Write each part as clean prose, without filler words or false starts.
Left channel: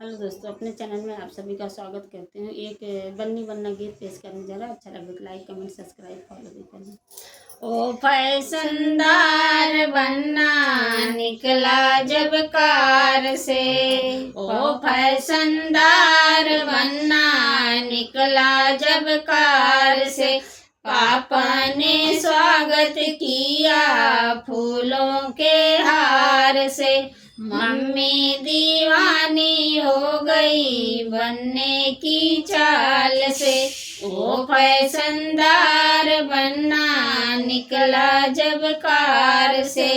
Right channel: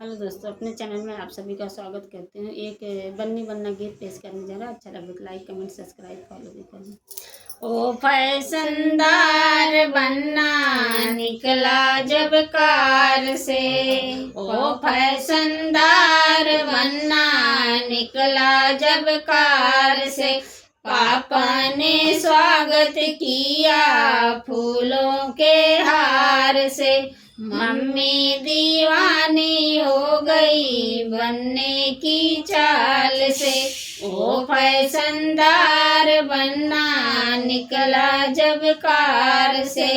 Hello दोस्तों, अपने channel में आप सभी का स्वागत करते हैं। एक बन्नी बन्ना गीत पेश करने जा रहा है। अच्छा लगे तो लाइक कमेंट सब्सक्राइब फॉलो भी करना। ओ फैशनदार बन्ना निकला जब कार से, ओ फैशनदार बन्ना निकला जब कार से, पापा ने स्वागत किया फूलों के हार से, मम्मी दीवानी हो गई बनने की चाल से। ओ फैशनदार बन्ना निकला जब कार से,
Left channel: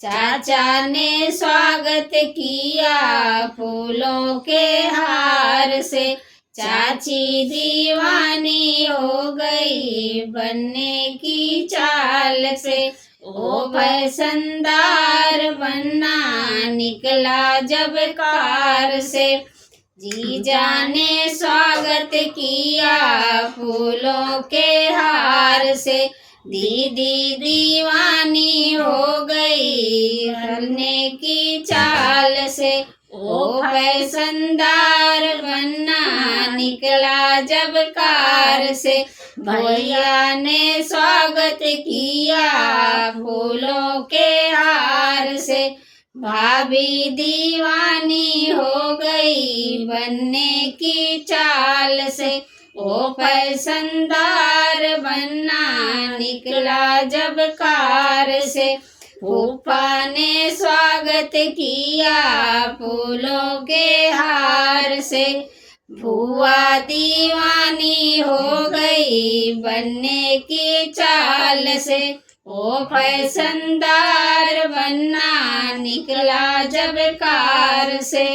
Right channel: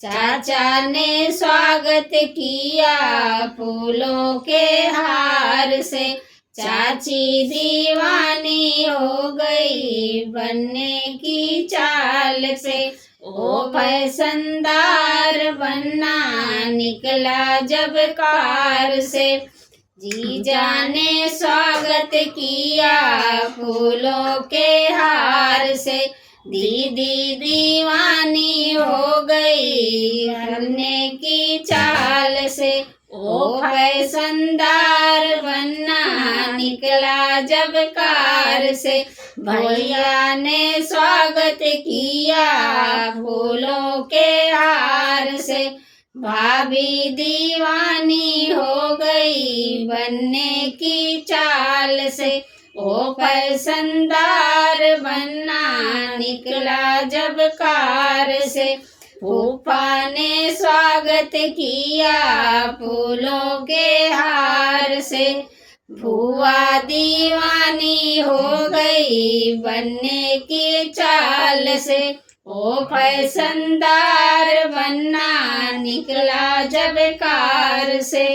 चाचा ने स्वागत किया फूलों के हार से, चाची दीवानी हो गई बनने की चाल से। ओ फैशनदार बन्ना निकला जब कार से, जीजा ने स्वागत किया फूलों के हार से, दीदी दीवानी हो गई बनने की चाल से। ओ फैशनदार बन्ना निकला जब कार से, भैया ने स्वागत किया फूलों के हार से, भाभी दीवानी हो गई बनने की चाल से। ओ फैशनदार बन्ना निकला जब कार से, फूफा ने स्वागत किया फूलों के हार से, फूआ दीवानी हो गई बनने की चाल से। ओ फैशनदार बन्ना निकला जब कार से।